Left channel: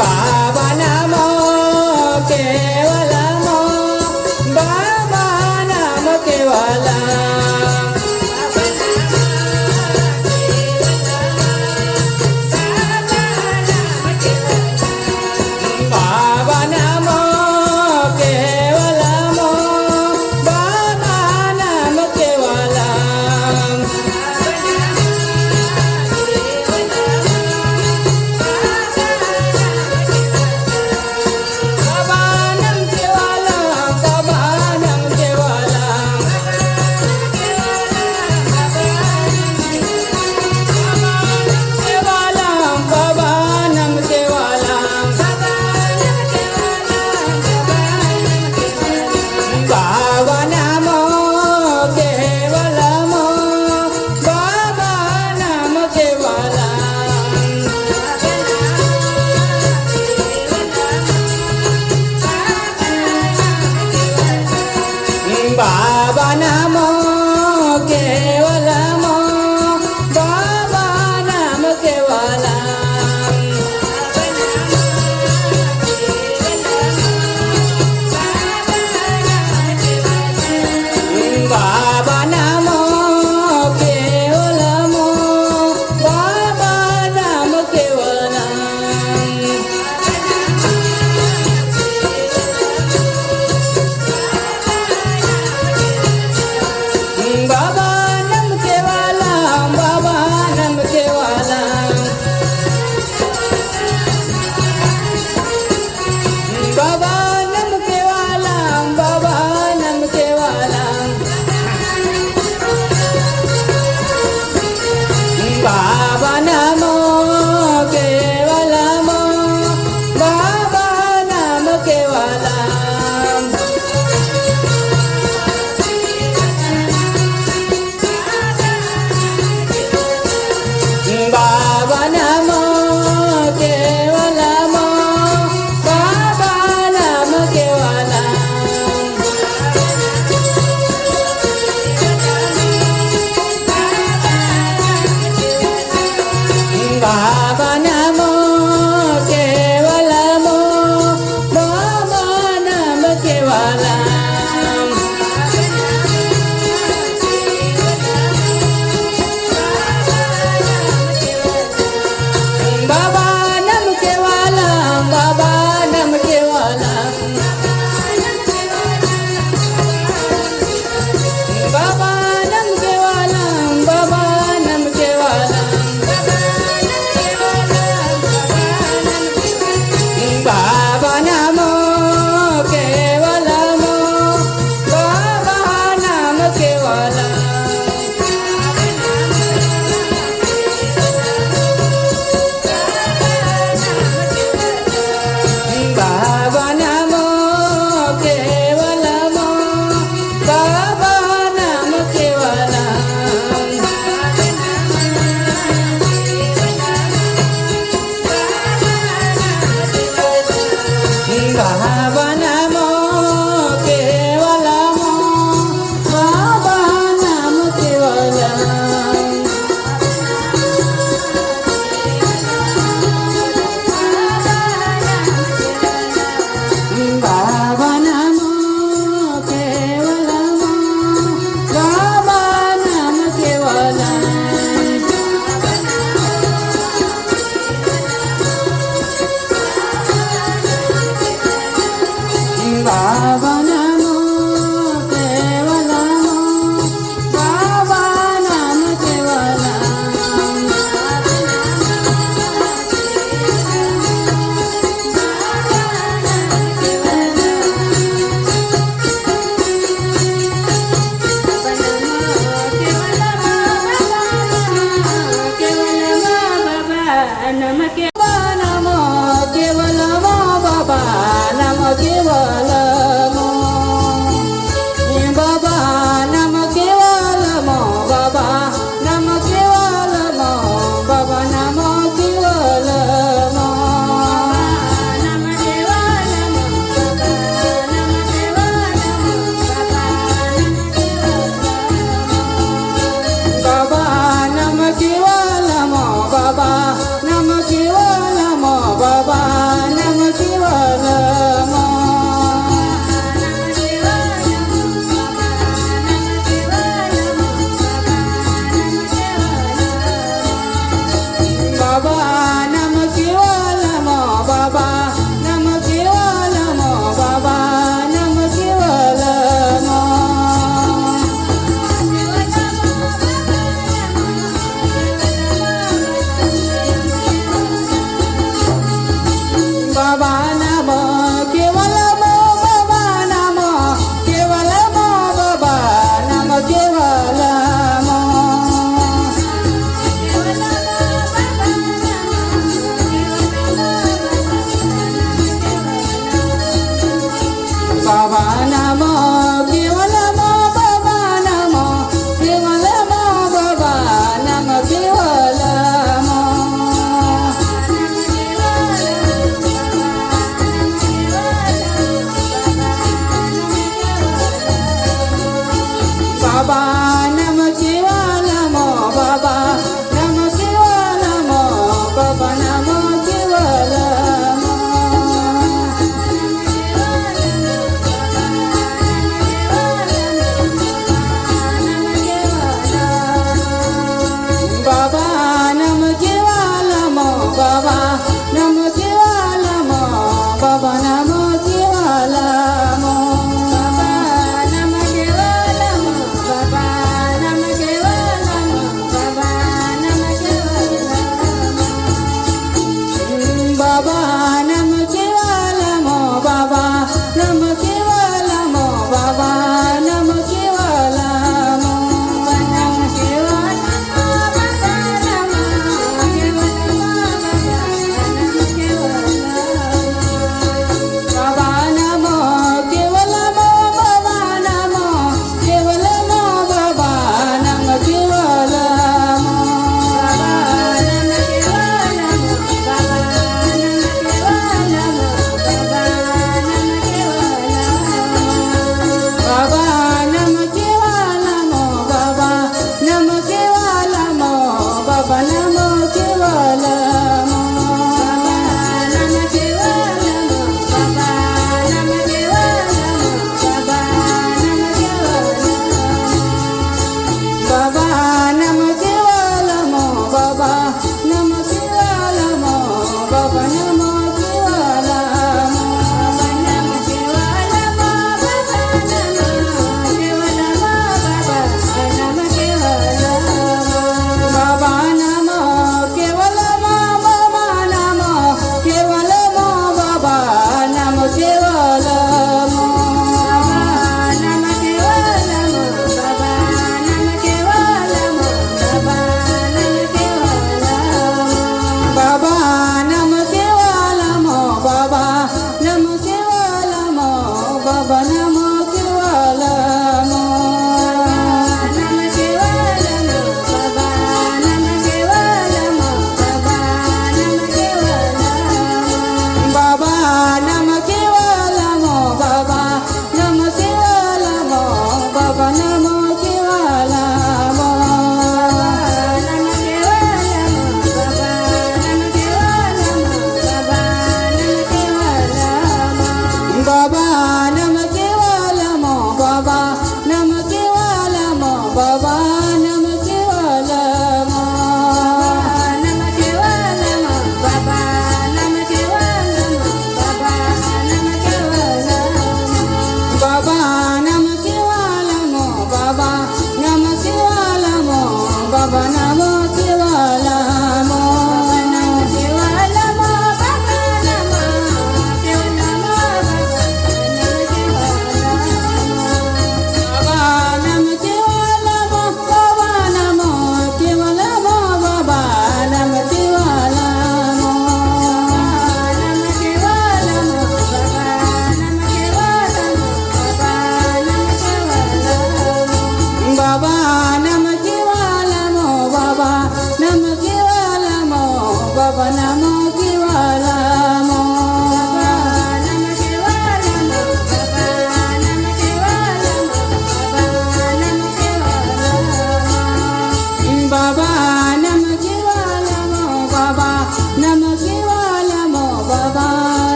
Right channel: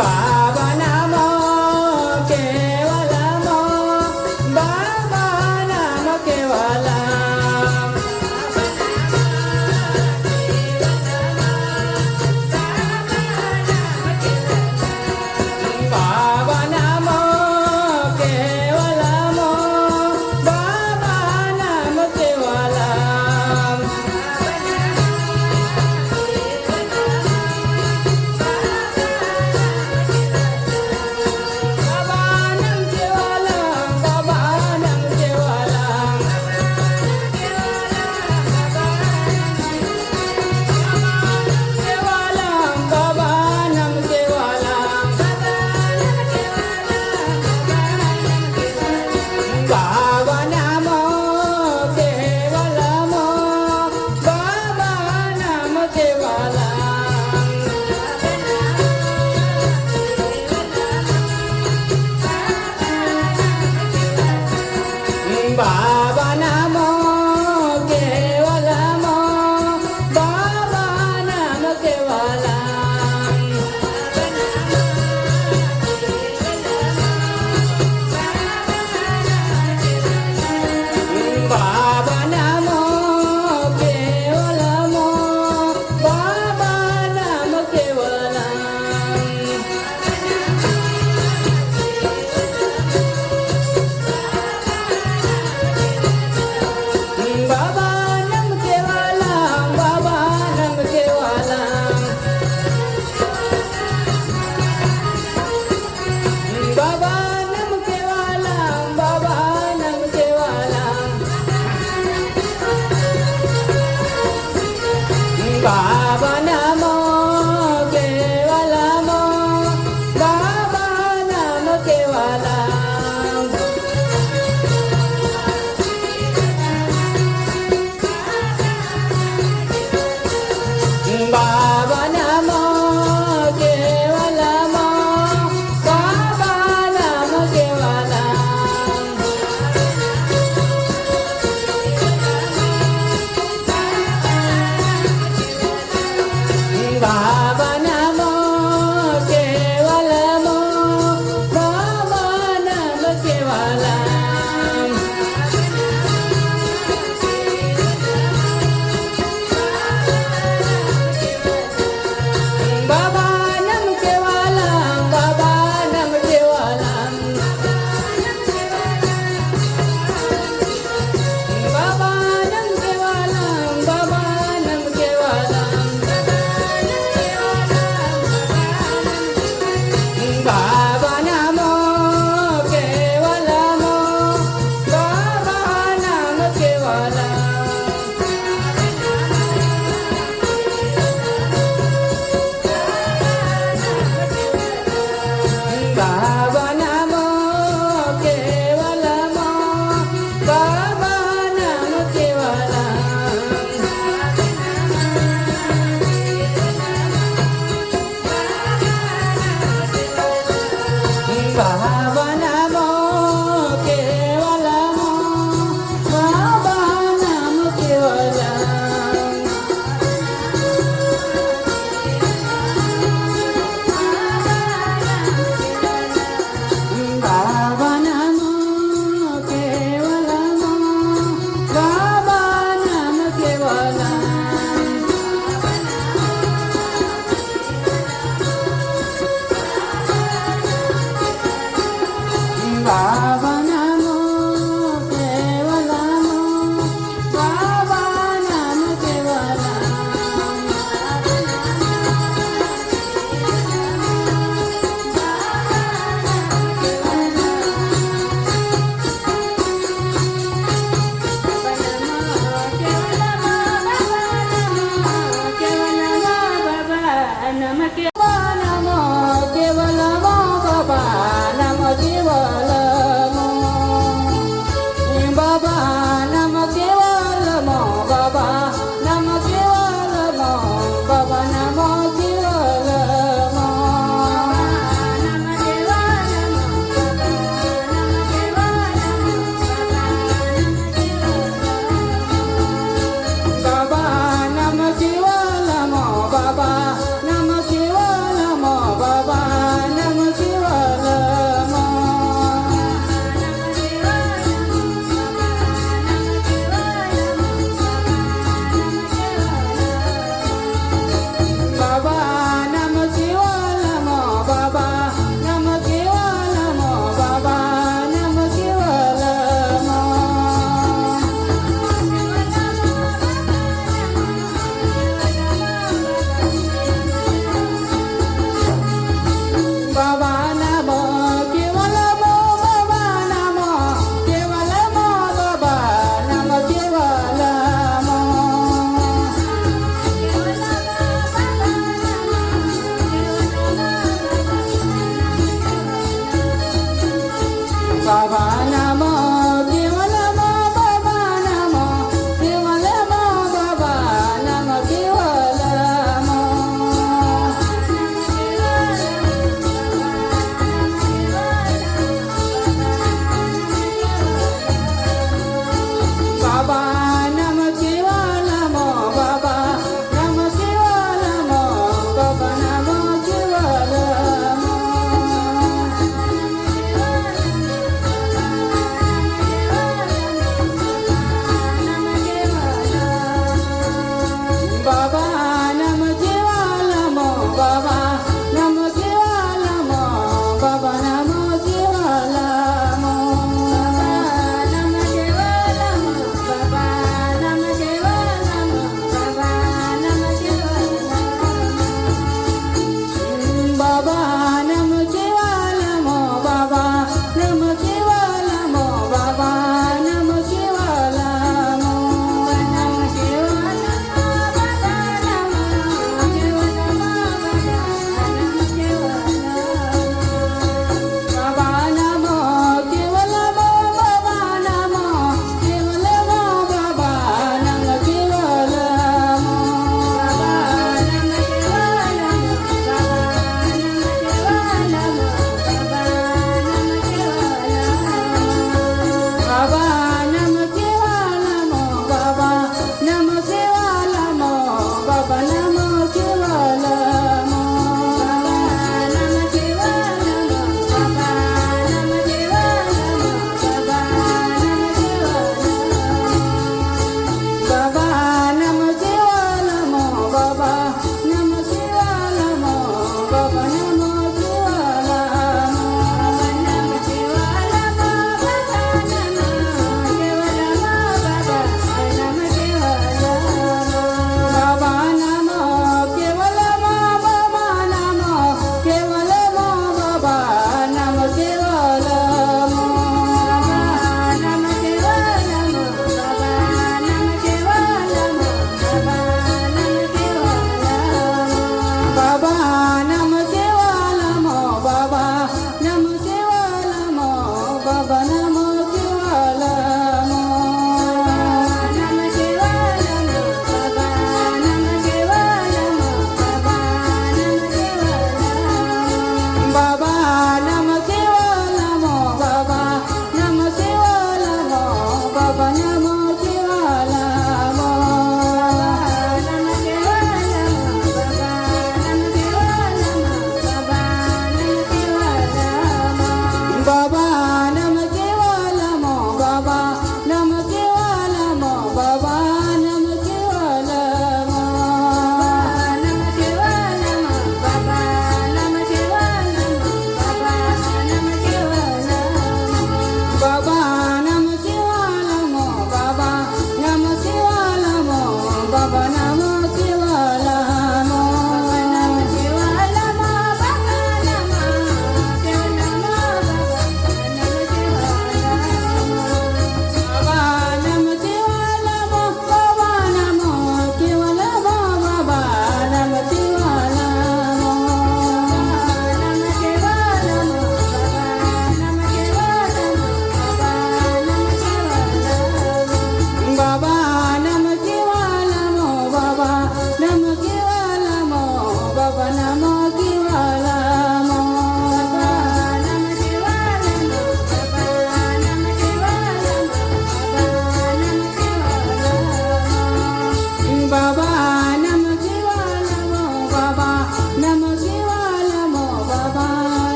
बाबा नाम केवलम बाबा नाम केवलम बाबा नाम केवलम बाबा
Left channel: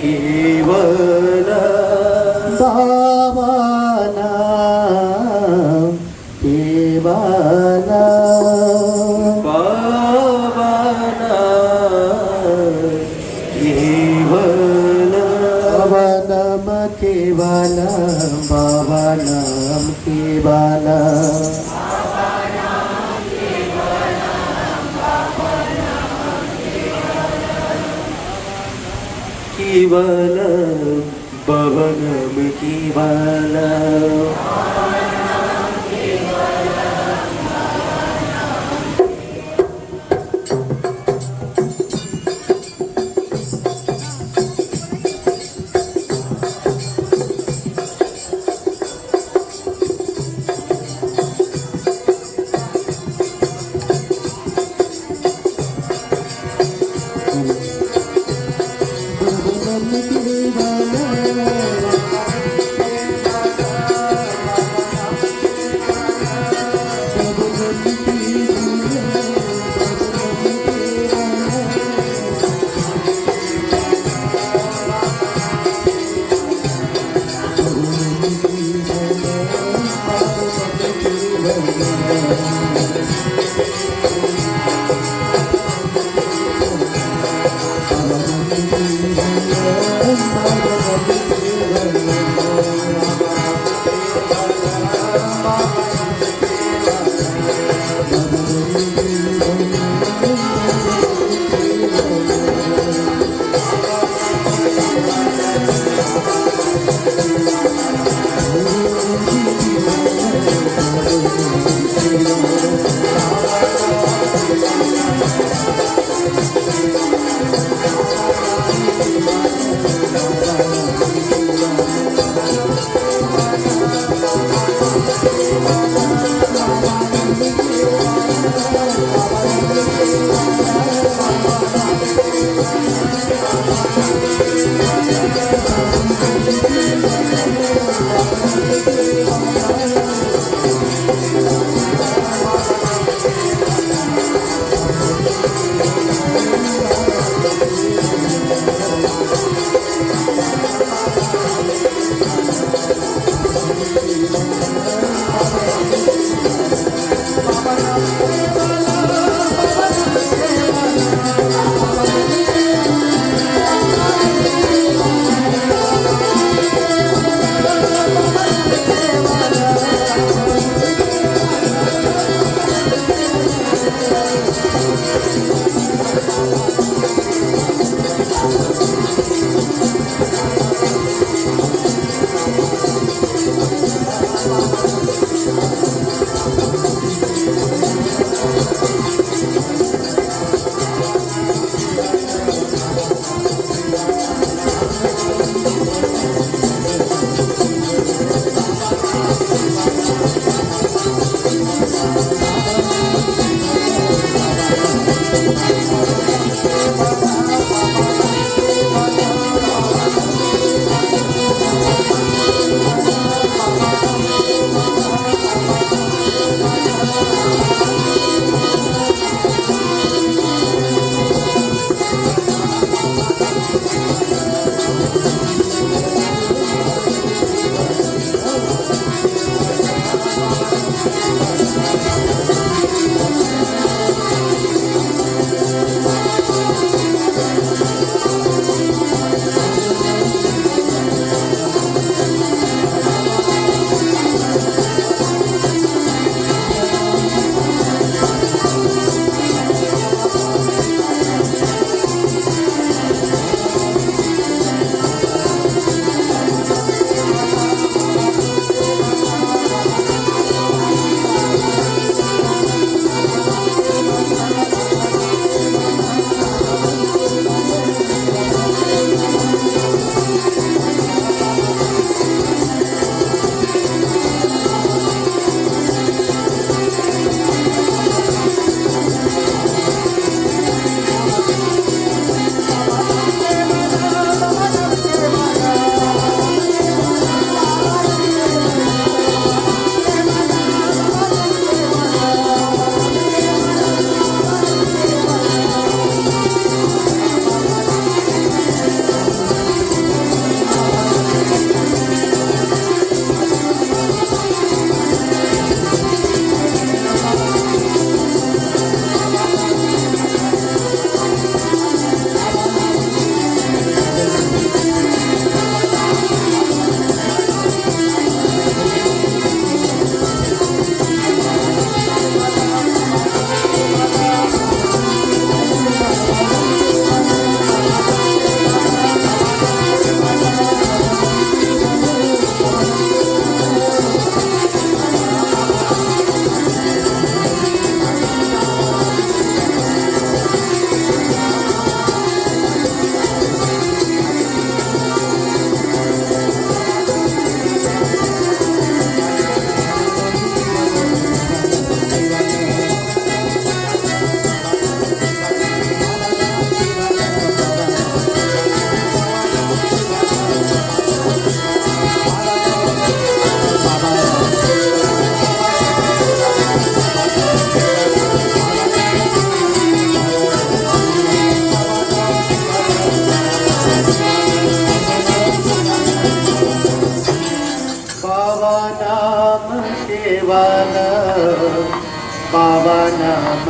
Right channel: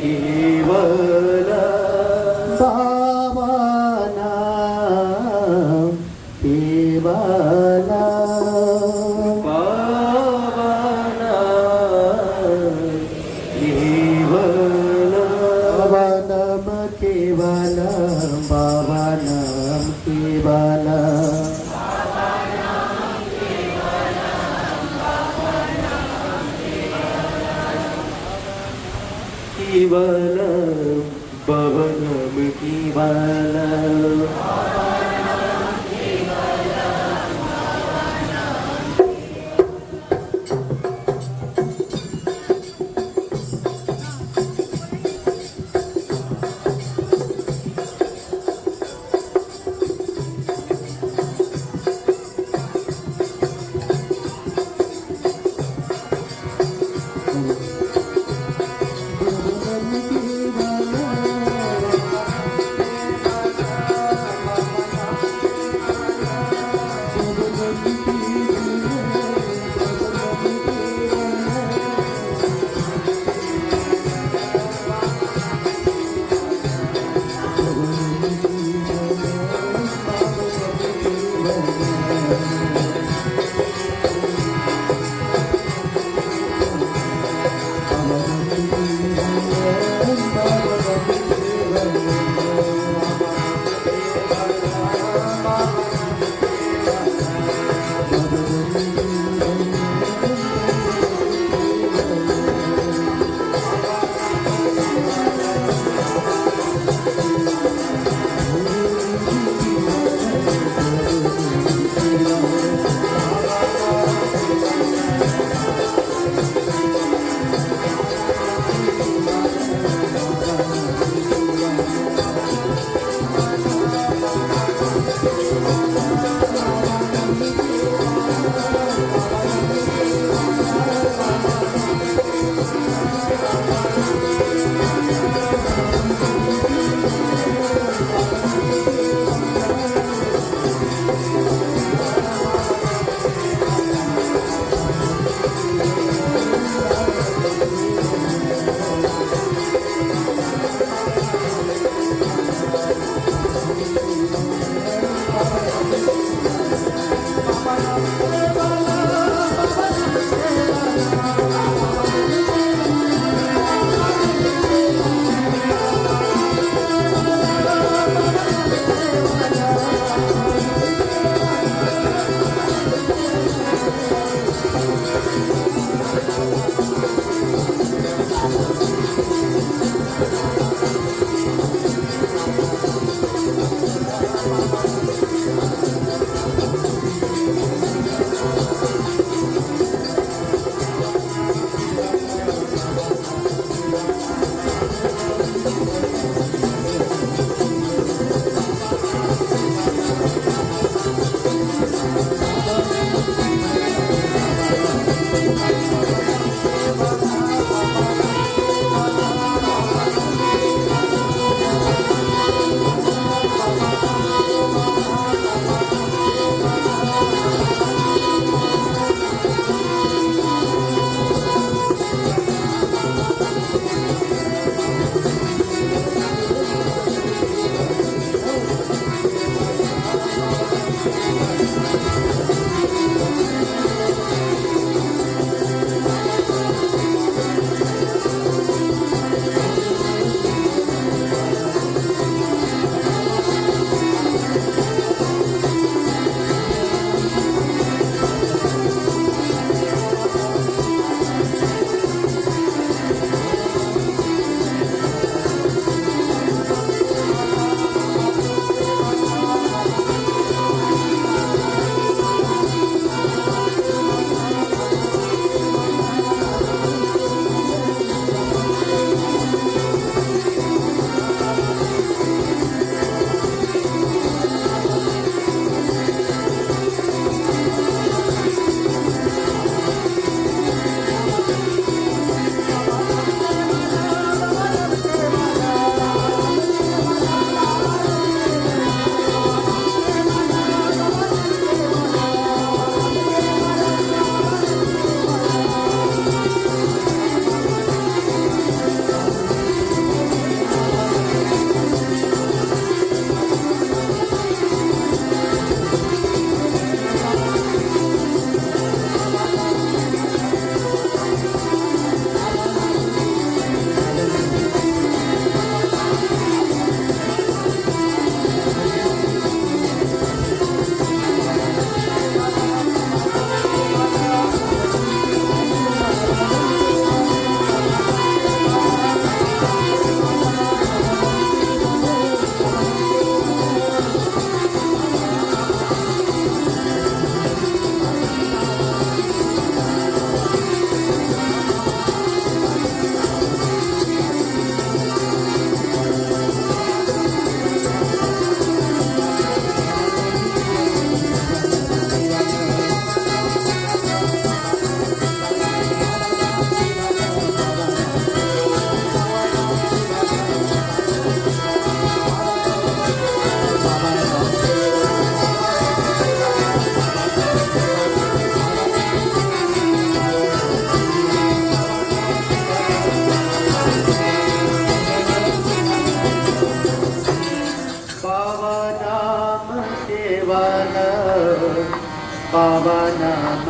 केवल भावना केवल पावना केवल भवनम केवल भवनम केवल केवल भवनम केवल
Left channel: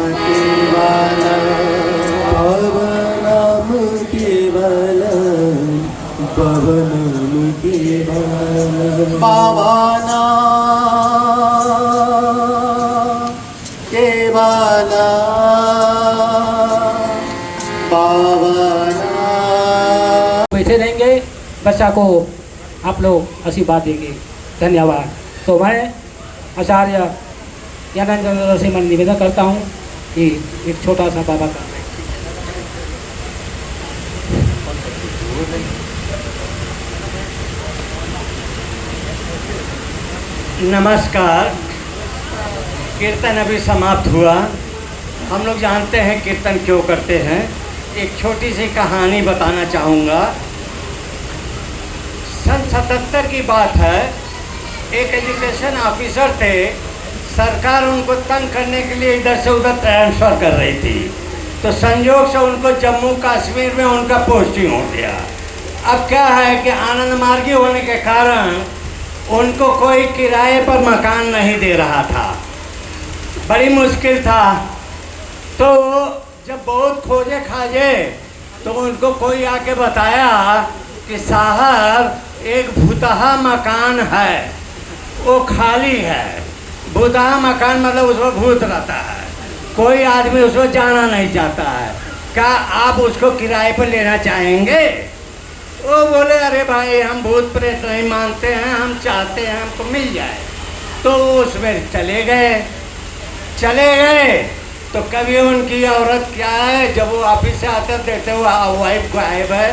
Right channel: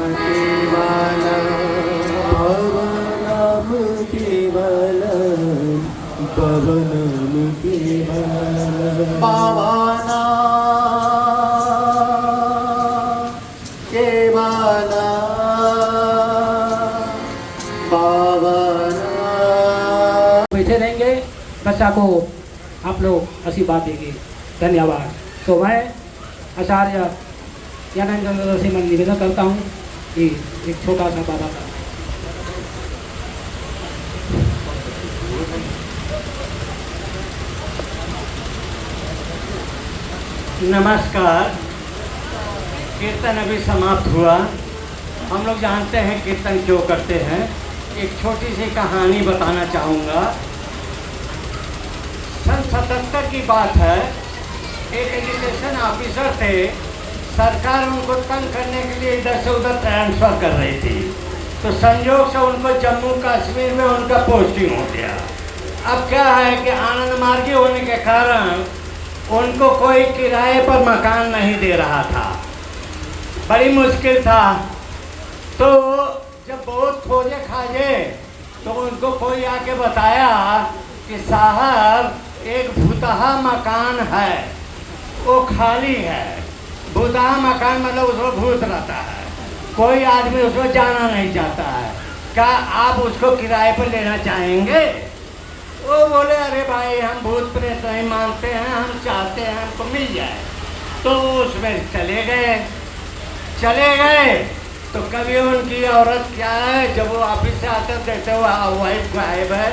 केवला बाबा नाम केवला बाबा नाम केवला बाबा केवला बाबा बैठे रहेंगे, बच्चा को आप लोग आशीर्वाद देंगे। धन्यवाद। तो मैं आचार्य ज्ञानानंद से मैं निवेदन करता हूँ कि एक छोटा सा बाबा का नमस्कार। कीर्तन अभी समाप्त हुआ। हम लोग जानते हैं कीर्तन क्यों करते हैं। एक छोटी सी कहानी बताना चाहूँगा। सन 77 की बात है। एक एजुकेशन ऑफिसर थे। सरकार उनको तंग करने के लिए इधर से उधर ट्रांसफ़र कर रही थी, तो संयोग से उनको जम्मू कश्मीर में उनका पोस्टिंग हो गया। अब क्या है कि आनंद मार्गी होने के कारण उनको कोई किराए पर मकान नहीं दे रहा था, बड़ी मुश्किल था। तो जब बहुत खोजे खाजे तो उनको कोई आके बताया कि साहब एक भूतहा मकान है, वो खाली है। भूतहा मकान मतलब उसमें भूत रहता है, कोई आदमी उसमें जाना नहीं चाहता है, क्या आप उसको किराए पर लेना चाहेंगे? वो बोले अरे भाई हम भूत प्रेत नहीं मानते हैं, हम चाहते हैं हमको मिल जाए। तो उसमें चले गए तो कभी उनकी औरत क्या है, जब वो ऑफिस से आते देखते वो वाइफ गायब है।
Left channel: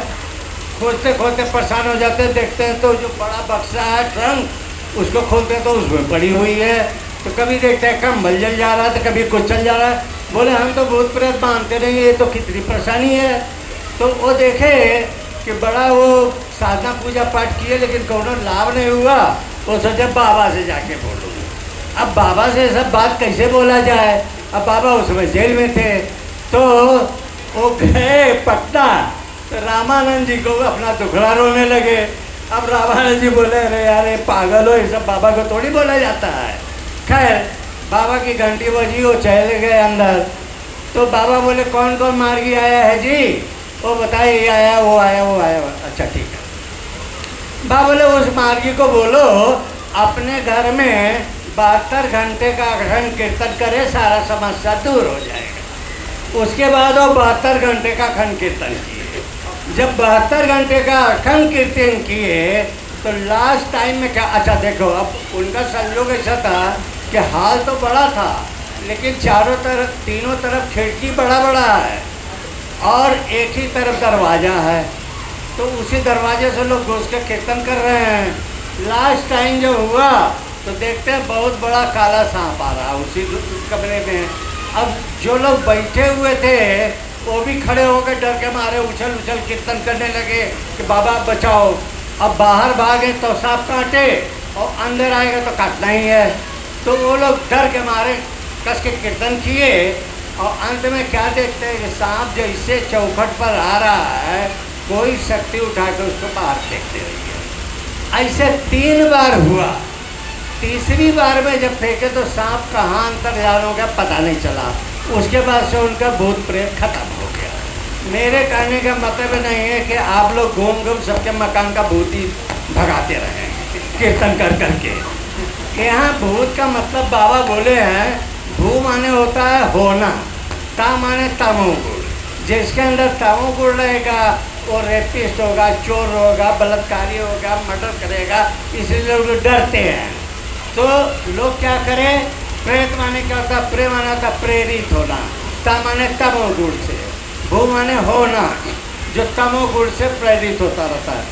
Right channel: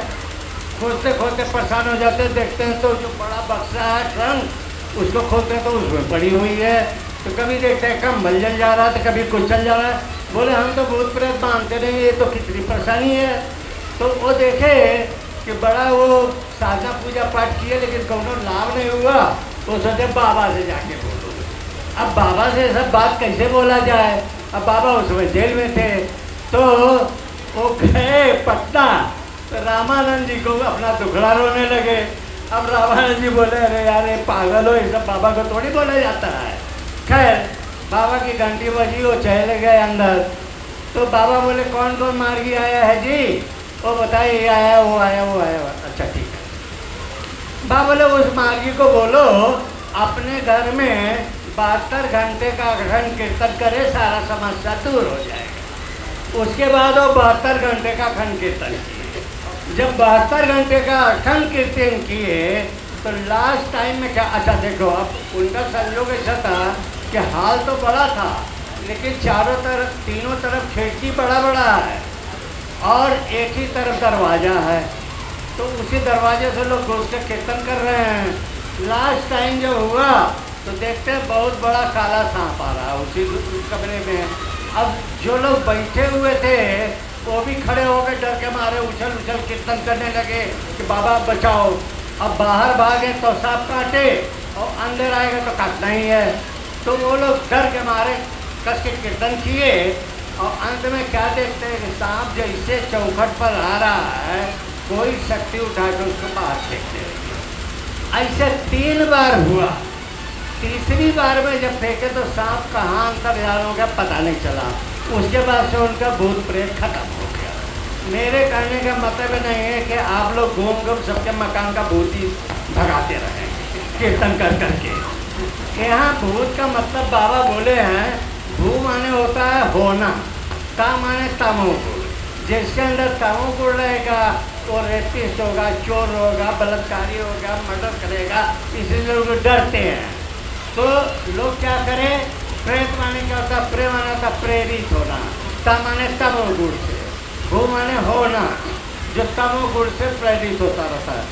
खोजते खोजते परेशान हो जाते, देखते हैं तो जो बड़ा बक्सा है ट्रंक, उसको खोलते हैं तो उसमें पड़ी हुई है। तो कभी देखते हैं कंबल जल जा रहा है, तो कभी कुछ चल जा रहा है। बोले हम तो भूत प्रेत मानते नहीं, ये तो कितनी परेशानी है। तो वो देखे कि बड़ा वो साधना पूजा पाठ किए लेकिन कोनो लाभ नहीं हुआ। वो सोचे बाबा से जाके बोलूँगा। अब बाबा से सब बात कैसे बोला जाए। अब बाबा उसमें जेल में थे, तो वो गए पटना, तो रामानंद जी को अपना दुखड़ा रोने लगे। अब रामानंद जी बोले अरे यार ये पागल हो, ये सब बाबा को थोड़ी बोला जाता है। खैर बाबा की घंटी बजी, वो चले गए अंदर। तो बाबा बोले कौन कौन मार्गी आया है जी? वो बताए ये आया वो आया वो आया। अच्छा ठीक है। बाबा बोले उस मार्गी को बोलो अपने घर में 72 घंटे का अखंड कीर्तन करे, सारा समस्या दूर हो जाएगा। उसके बाद वो 72 घंटे का अखंड कीर्तन किए। जब 72 घंटे का अखंड कीर्तन किए तो लास्ट टाइम में क्या, अच्छा देखो अब उनका संयोग ऐसा था कि हाल तो बड़ा था लेकिन चारों तरफ तीनों तरफ खिड़की बड़ा बड़ा है और एक ही तरफ दरवाज़ा है। तो उसी दरवाजे से लोग घुस के कीर्तन कर रहे हैं। लास्ट टाइम जो हुआ तो देखते हैं बहुत बड़ा काला सांप आ रहा है उसी कमरे में। अब जो लोग बैठे हुए थे वो भी खड़े होकर डर के मारे उछल उछल कीर्तन करने लगे कि बाबा बचाओ। अब बाहर भागे तो सांप काटे और अंदर आएगा तो काटना ही है। तो वो लोग डर के मारे कस के कीर्तन किए और अंत में क्या देखते हैं कि सांप जैसे चौखट पर आ रहा है, कोई शक्ति उठा कर उसको बाहर फेंकते रहिए। ऐसे 3 बार हुआ। तीसरी बार में जब फेंके तो सांप कहाँ अंतर्यान हो गया पता नहीं चला। उसके बाद से उनका भूत प्रेत खत्म हो गया। मेरे कहने का मतलब नहीं है कि आप लोग घूम घूम सबके मकान का भूत ही भगाते रहेंगे कीर्तन कर करके। यहाँ भूत का मतलब बाबा बोले हैं, भू माने होता है होना, ता माने तमोगुण। जिसके अंदर तमोगुण रहेगा वो रेपिस्ट होगा, चोर होगा, बलात्कारी होगा, मर्डर करेगा। इसलिए लोग डरते हैं। तो लोग क्या करें, प्रेत माने क्या होता है, प्रेम माना था प्रेरित होना, ता माने तमोगुण से, भू माने होना जो तमोगुण से प्रेरित होता रहता है।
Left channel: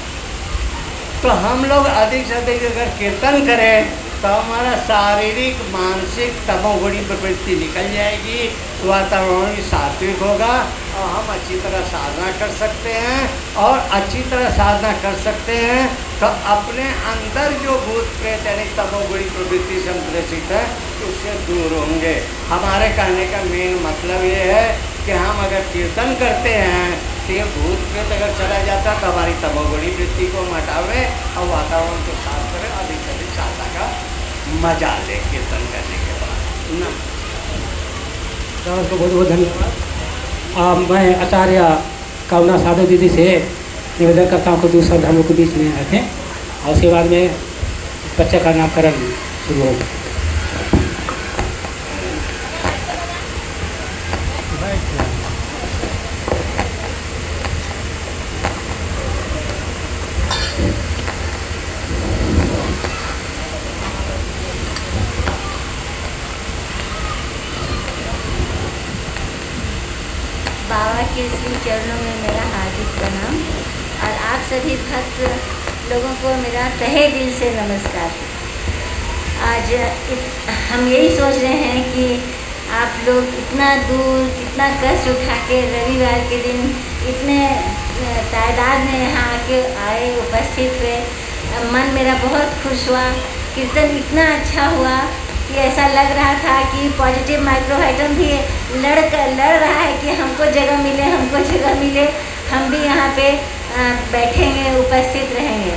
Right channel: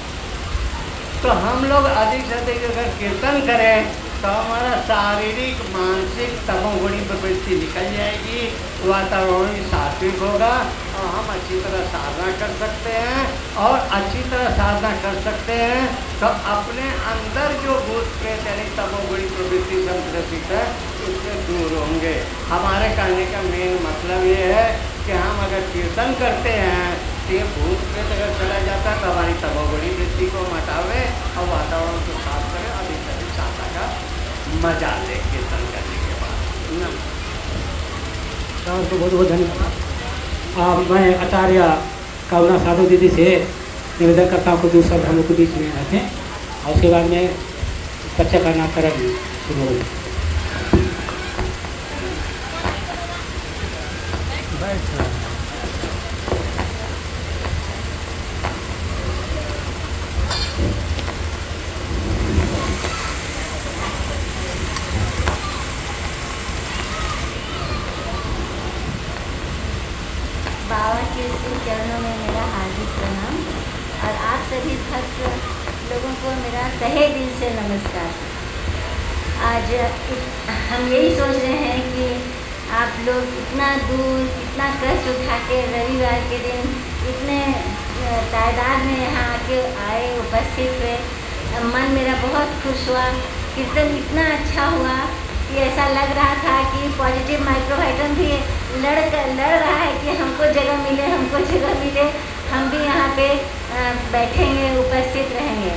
तो हम लोग अधिक से अधिक अगर कीर्तन करें तो हमारा शारीरिक मानसिक तमोगुणी प्रवृत्ति निकल जाएगी, वातावरण सात्विक होगा और हम अच्छी तरह साधना कर सकते हैं। और अच्छी तरह साधना कर सकते हैं तो अपने अंदर जो भूत प्रेत यानी तमोगुणी प्रवृत्ति से हम ग्रसित है उससे दूर होंगे। हमारे कहने का मेन मतलब ये है कि हम अगर कीर्तन करते हैं तो ये भूत प्रेत अगर चला जाता है तो हमारी तमोगुणी वृत्ति को हटावे और वातावरण को साफ करें, अधिक से अधिक साधना का मजा ले कीर्तन करने के बाद। आपको बहुत बहुत धन्यवाद। मैं आचार्य करुणा साधु दीदी से निवेदन करता हूँ कुछ शब्द हम लोग के बीच में रखें और उसके बाद में बच्चे का नामकरण शुरू होगा। बाबा के श्री चरणों में मेरा हार्दिक प्रणाम और आप सभी भक्त लोगों को मेरा तहे दिल से नमस्कार। आज हम यही सोच रहे हैं कि आप लोग इतना दूर इतना कष्ट उठा के रविवार के दिन इतने तादाद में यहाँ आके आए उपस्थित हुए। मन मेरा बहुत खुश हुआ, कीर्तन इतना अच्छा हुआ कि ऐसा लग रहा था कि पॉजिटिव माइक्रोहाइड्रम भी लड़ रहा है कि हमको जगह मिले, हम भी यहाँ पे बैठेंगे, उपस्थित रहेंगे।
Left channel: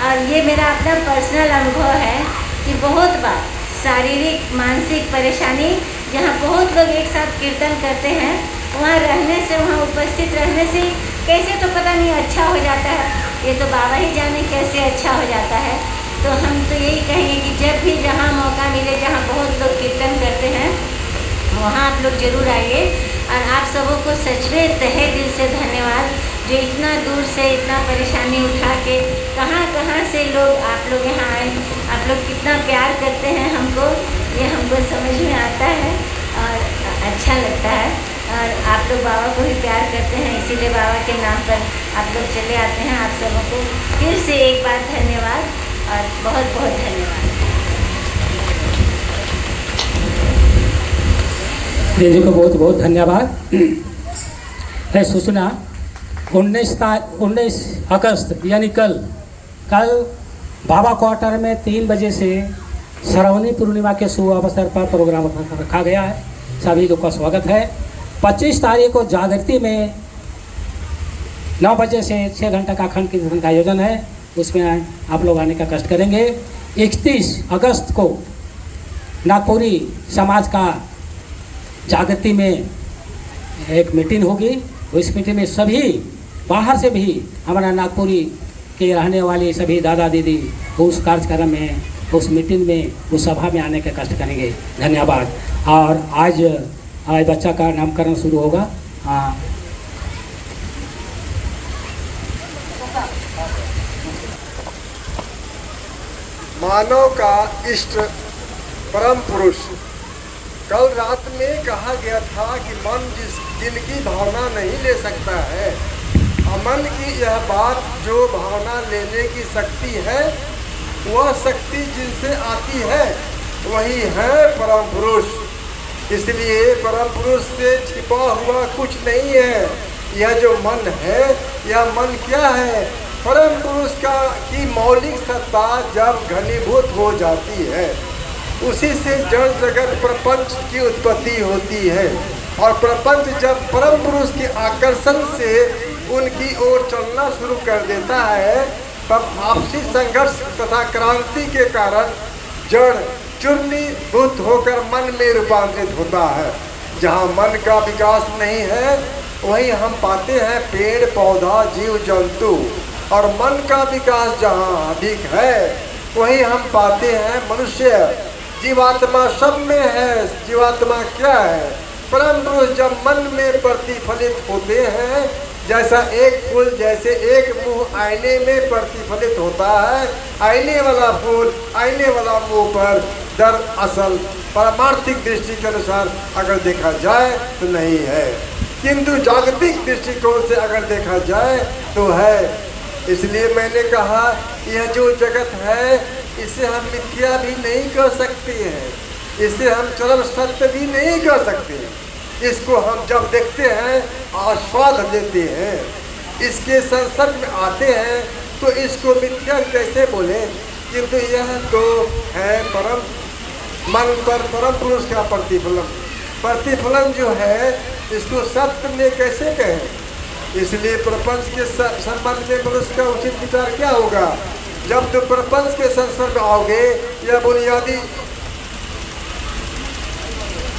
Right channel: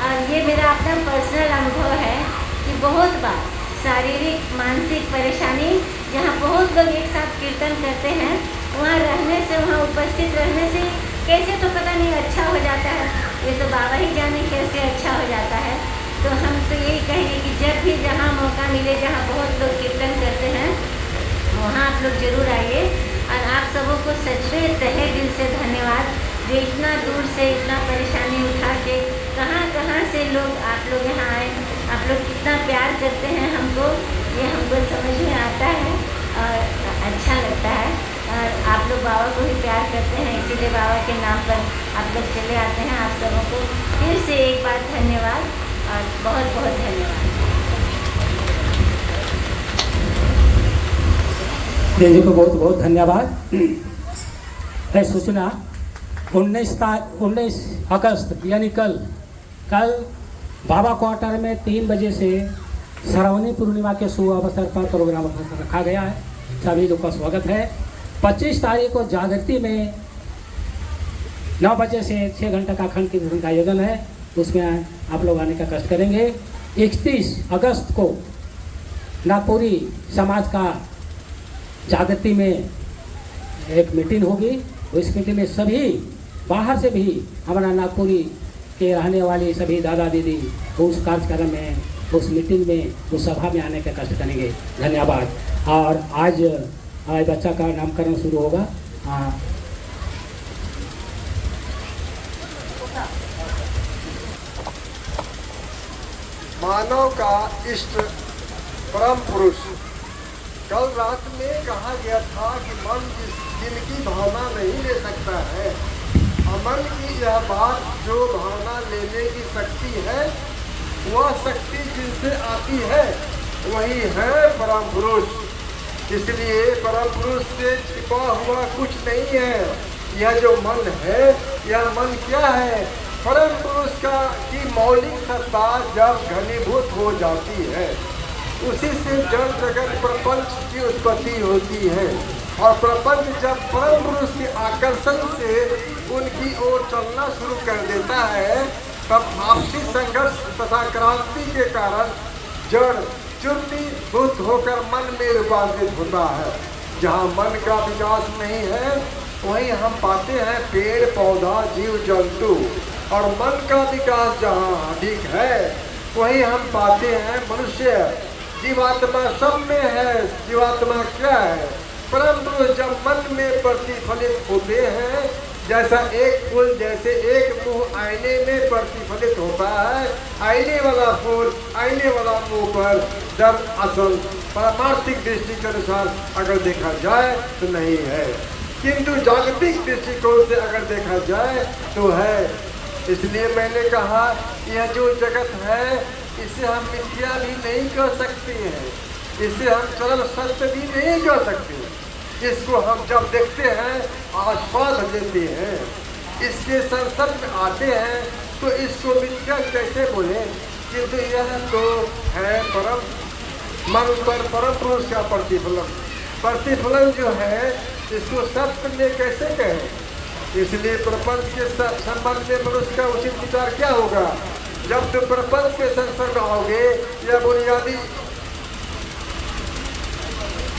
और ये मेरा अपना पर्सनल अनुभव है कि बहुत बार शारीरिक मानसिक परेशानी जहाँ बहुत लोग एक साथ कीर्तन करते हैं वहाँ रहने से, वहाँ उपस्थित रहने से कैसे तो पता नहीं अच्छा हो जाता है। ये तो बाबा ही जाने कैसे अच्छा हो जाता है। तो हम तो यही कहेंगे कि जब भी जहाँ मौका मिले, जहाँ बहुत लोग कीर्तन करते हैं वहाँ आप लोग जरूर आइए। और आप सबों को सच में तहे दिल से धन्यवाद जो इतना दूर से इतना परेशानी उठा के कहाँ से लोग आप लोग यहाँ आए। आप लोग कितना प्यार करते हैं हमको, ये हमको समझ में आता है और अच्छा लगता है। और आप लोग बाबा को भी प्यार करते हैं, इसीलिए बाबा के नाम पर आप लोग चले आते हैं। आप सबों को फिर से एक बार धन्यवाद और बहुत बहुत धन्यवाद। जी को बहुत बहुत धन्यवाद। है सूचना 19 अगस्त यानी कल बाबा क्वार्टर में 3 बजे से श्रावणी पूर्णिमा के शुभ अवसर पर प्रोग्राम रखा गया है। सभी लोग का स्वागत है। 25 तारीख को जागृति में 9 बजे से 6 घंटा का अखंड कीर्तन का आयोजन है, उसमें आप लोग आने का कष्ट करेंगे। 31 अगस्त को नागपुरी समाज का जागृति में एक मीटिंग होगी। उस मीटिंग में सभी बाहर से भी हमारा नागपुरी के रहने वाले सभी दादा दीदी उस कार्यक्रम में, उस मीटिंग में, उस सभा में आने का कष्ट करेंगे। धन्यवाद। और आज बच्चा का नामकरण शुरू होगा। मानव का इष्ट परम पुरुष। कल रात में कहा गया था कि मन जिस दिल की भावना नहीं ले सकता है, मन की यह बात जो भावना लेने की शक्ति है, वह शक्ति जिनसे आती है वही है परम पुरुष। इसलिए परम पुरुष से छिपा हुआ कुछ नहीं है। यह जो मन है, यह मन क्या है? परम पुरुष की मौलिक सत्ता जब घनीभूत हो जाती है, उसी से जड़ जगत प्रपंच की उत्पत्ति होती है। और प्रपंच जब परम पुरुष के आकर्षण से उनकी ओर चलना शुरू कर देता है, तब आपसी संघर्ष तथा क्रांति के कारण जड़ चूर्णीभूत होकर मन में रूपांतरित होता है। जहाँ मन का विकास नहीं है, वहीं हम पाते हैं पेड़ पौधा जीव जंतु। और मन का विकास जहाँ अधिक है, वहीं हम पाते हैं मनुष्य। जीवात्मा सब में है। जीवात्मा क्या है? परम पुरुष जब मन में प्रतिफलित होते हैं, जैसा एक फूल, जैसे एक मुंह आईने में प्रतिफलित होता है, आईने वाला फूल आईने वाला मुंह पर दरअसल पारमार्थिक दृष्टि के अनुसार अगर देखा जाए तो नहीं है, किंतु जागतिक दृष्टिकोण से अगर देखा जाए तो है। इसलिए मैंने कहा यह जो जगत है, इसे हम मिथ्या भी नहीं कर सकते हैं, इसे हम चरम सत्य भी नहीं कर सकते। इसको हम जब देखते हैं, आस्वाद लेते हैं, इसके संसर्ग में आते हैं, तो इसको मिथ्या कैसे बोले? किंतु यह तो है परम मन पर परम पुरुष का प्रतिफलन। प्रतिफलन जो है, इसको सत्य में कैसे कहें? इसलिए प्रपंच के संबंध में मनुष्य का उचित विचार क्या होगा? जब तुम प्रपंच के संसर्ग आओगे, यह बुनियादी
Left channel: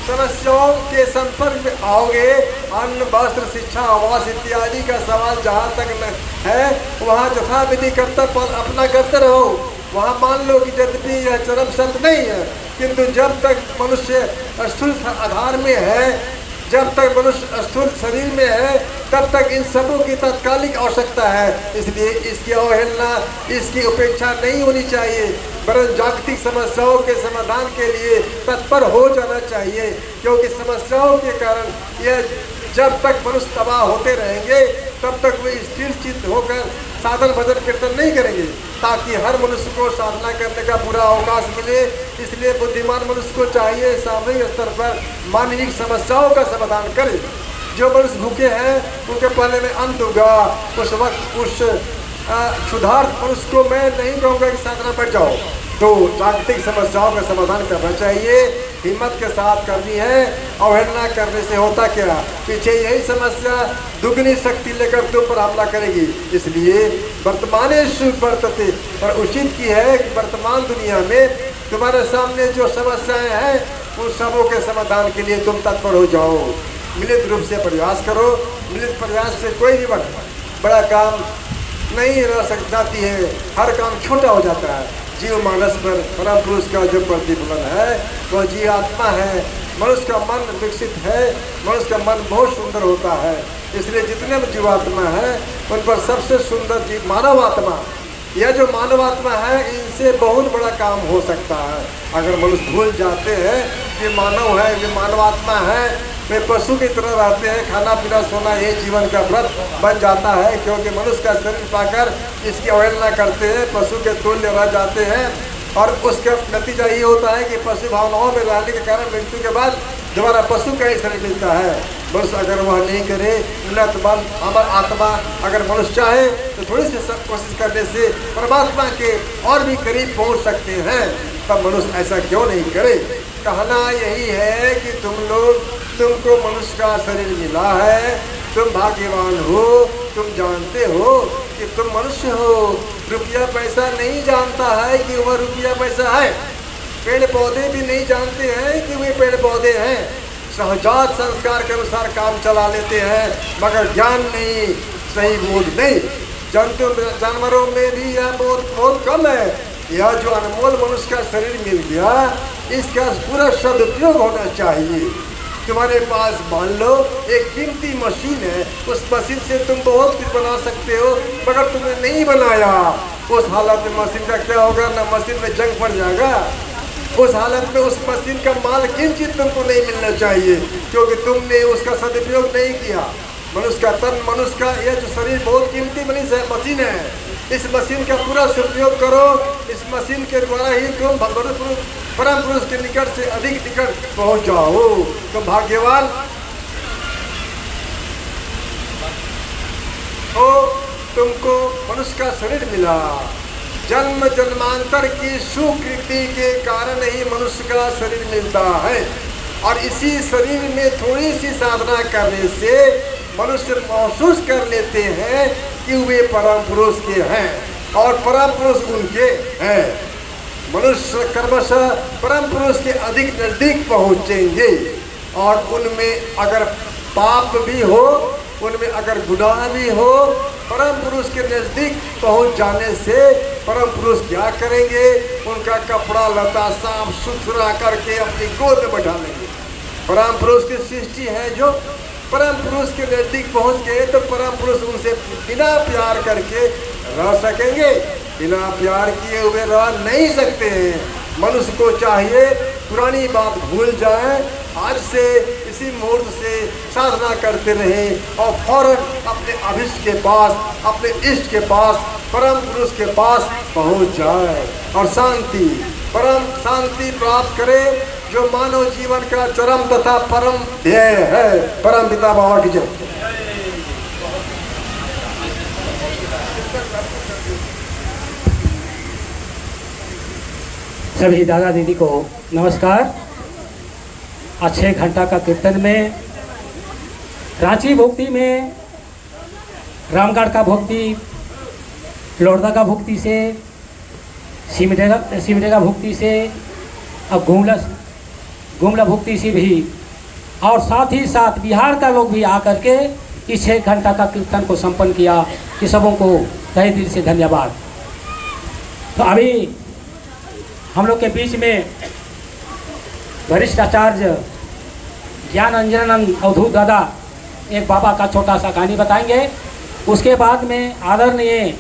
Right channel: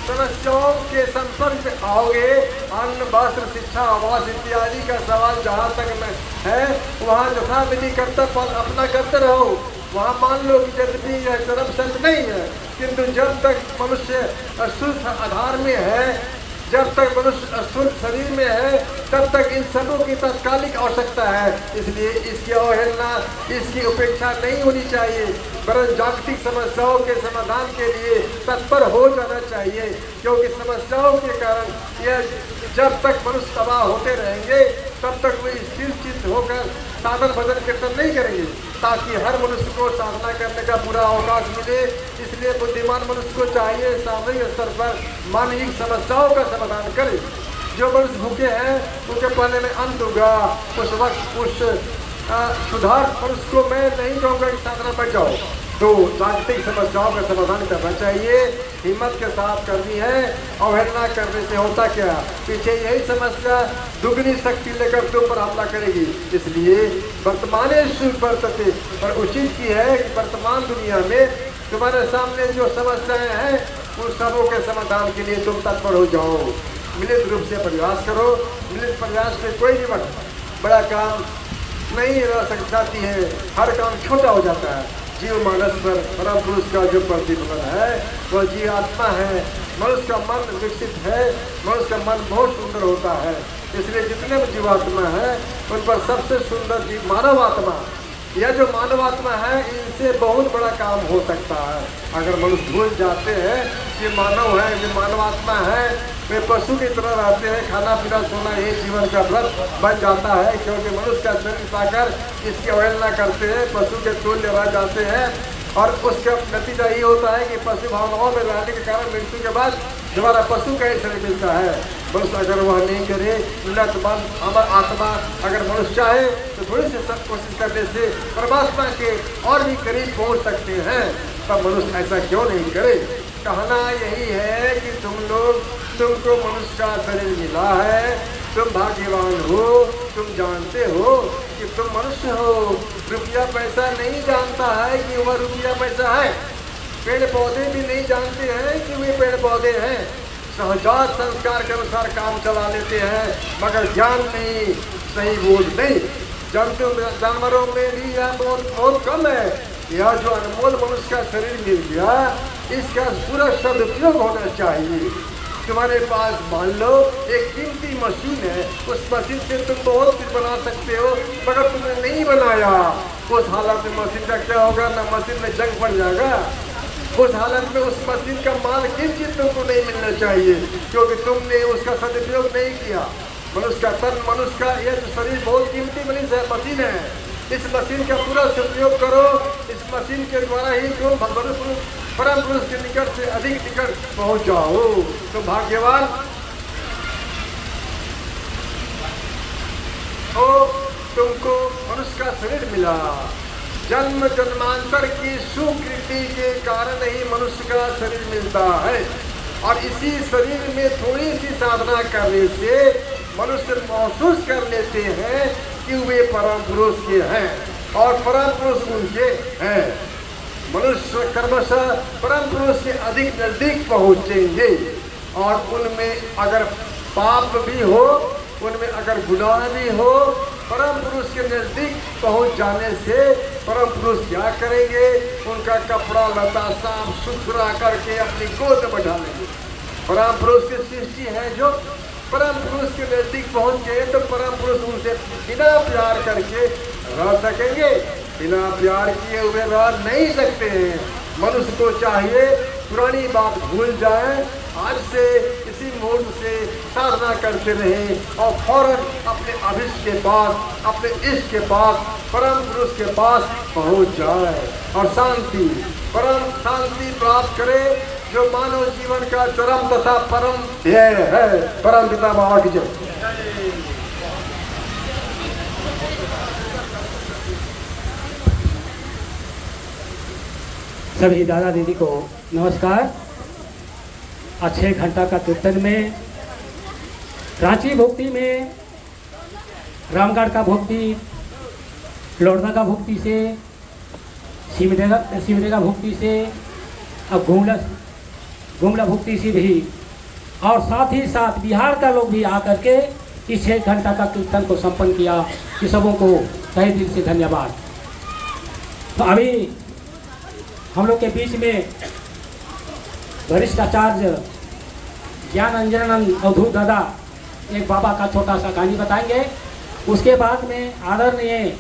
समस्याओं के संपर्क में आओगे, अन्न वस्त्र शिक्षा आवास इत्यादि का सवाल जहाँ तक न है वहाँ यथा विधि कर्तव्य अपना करते रहो। वहाँ मान लो कि यद्यपि यह चरम शर्त नहीं है, किंतु जब तक मनुष्य स्थूल आधार में है, जब तक मनुष्य स्थूल शरीर में है, तब तक इन सबों की तात्कालिक आवश्यकता है। इसलिए इसकी अवहेलना, इसकी उपेक्षा नहीं होनी चाहिए, वरन जागतिक समस्याओं के समाधान के लिए तत्पर हो जाना चाहिए। क्योंकि समस्याओं के कारण यह जब तक मनुष्य तबाह होते रहेंगे, तब तक वे स्थिर चित्त होकर साधन भजन कीर्तन नहीं करेंगे, ताकि हर मनुष्य को साधना करने का पूरा अवकाश मिले। इसलिए बुद्धिमान मनुष्य को चाहिए सामूहिक स्तर पर मानवीय समस्याओं का समाधान करे। जो मनुष्य भूखे हैं उनके पहले में अन्न होगा। उस वक्त उस क्षुधार्त मनुष्य को मैं नहीं कहूँगा कि साधना पर जाओ, तो जागतिक समस्याओं का समाधान करना चाहिए, हिम्मत के साथ करनी है। अवहेलना करने से होता क्या, पीछे यही समस्या दुगनी शक्ति लेकर तुम पर हमला करेगी। इसलिए वर्तमाने शुभ वर्तते, और उचित की है कि वर्तमान दुनिया में तुम्हारे सामने जो समस्याएं हैं उन सबों के समाधान के लिए तुम तत्पर हो जाओ। मिलित रूप से प्रयास करो। मिलित प्रयास से कोई भी बड़ा काम नहीं रह सकती है, हर काम छोटा हो जाता है। जीव मानस पर परम पुरुष का जो प्रतिफल है वह जीव आत्मा है। मनुष्य का मन विकसित है, मनुष्य का मन बहुत सुंदर होता है। इसलिए जितने भी जीवात्मा है उन पर सबसे सुंदर जीव मानव आत्मा। यह जो मानव आत्मा है, इनसे बहुत बड़ा काम हो सकता है। अगर मनुष्य भूल जाते हैं कि मानव है, कि मानव आत्मा है, वे पशु की तरह रहते हैं, खाना पीना सोना ये जीवन का व्रत बन जाता है। क्योंकि मनुष्य का शरीर पाकर इसकी अवहेलना करते हैं, पशु के तुल्य रह जाते हैं, और उसका नतीजा ये होता है कि पशु भावनाओं में रहने के कारण मृत्यु के बाद दोबारा पशु का ही शरीर मिलता है। मनुष्य अगर वह नहीं करे, उन्नत बल अमर आत्मा अगर मनुष्य चाहे तो थोड़ी सी सब कोशिश करने से परमात्मा के और भी करीब पहुंच सकते हैं। तब मनुष्य ऐसा क्यों नहीं करे। कहना यही है कि तुमको मनुष्य का शरीर मिला है, तुम भाग्यवान हो, तुम जानते हो कि तुम मनुष्य हो। रुपया पैसा नहीं जानता है कि वह रुपया पैसा है, पेड़ पौधे भी नहीं जानते हैं कि वे पेड़ पौधे हैं। सहजात संस्कार के अनुसार काम चला लेते हैं, मगर ज्ञान नहीं, सही बोझ नहीं। जानवरों में भी यह बहुत कम है। यह जो अनमोल मनुष्य का शरीर मिल गया, इसका पूरा सदुपयोग होना चाहिए। तुम्हारे पास मान लो एक कीमती मशीन है, उस मशीन से तुम बहुत कुछ बना सकते हो, मगर तुमने नहीं बनाया। उस हालत में मशीन का क्या होगा, ना मशीन में जंग पड़ जाएगा। उस हालत में उस मशीन का माल किंचित तुमको नहीं मिलना चाहिए, क्योंकि तुमने उसका सदुपयोग नहीं किया। मनुष्य का तन, मनुष्य का यह जो शरीर बहुत कीमती मशीन है। इस मशीन का पूरा सदुपयोग करो। इस मशीन के द्वारा ही तुम परम पुरुष के निकट से अधिक निकट पहुंच जाओ। तो भाग्यवान हो, तुमको मनुष्य का शरीर मिला। जन्म जन्मांतर की सुकृति के कारण ही मनुष्य का शरीर मिलता है, और इसी शरीर में थोड़ी सी साधना करने से मनुष्य महसूस कर लेते हैं कि वे परम पुरुष के हैं और परम पुरुष उनके हैं। मनुष्य क्रमशः परम पुरुष के अधिक नजदीक पहुंचेंगे, और उनमें अगर पाप भी हो, उनमें अगर गुनाह भी हो, परम पुरुष के नजदीक पहुंच जाने से परम पुरुष क्या करेंगे, उनका कपड़ा लता साफ सुथरा करके अपनी गोद में बैठा लेंगे। परम पुरुष की सृष्टि है, जो परम पुरुष के नजदीक पहुंच गए तो परम पुरुष उनसे बिना प्यार करके रह सकेंगे। बिना प्यार किए हुए रह नहीं सकते हैं। मनुष्य को चाहिए पुरानी बात भूल जाए, आज से इसी मुहूर्त से साधना करते रहें और फौरन अपने अभिष्ट के पास, अपने इष्ट के पास, परम पुरुष के पास पहुंच जाए और शांति, परम शांति प्राप्त करें, जो मानव जीवन का चरम तथा परम ध्येय है। परम पिता बाबा की जय। सभी दादा दीदी को नमस्कार। आज 6 घंटा का कीर्तन में रांची भक्ति में रामगढ़ का भक्ति, लोरदा का भक्ति से, सिमडेगा भक्ति से, और गुमला भुक्ति से भी और साथ ही साथ बिहार का लोग भी आकर के इस 6 घंटा का कीर्तन को संपन्न किया। कि सबों को तहे दिल से धन्यवाद। तो अभी हम लोग के बीच में वरिष्ठ आचार्य ज्ञान अंजनानंद अवधूत दादा एक बाबा का छोटा सा कहानी बताएंगे। उसके बाद में आदरणीय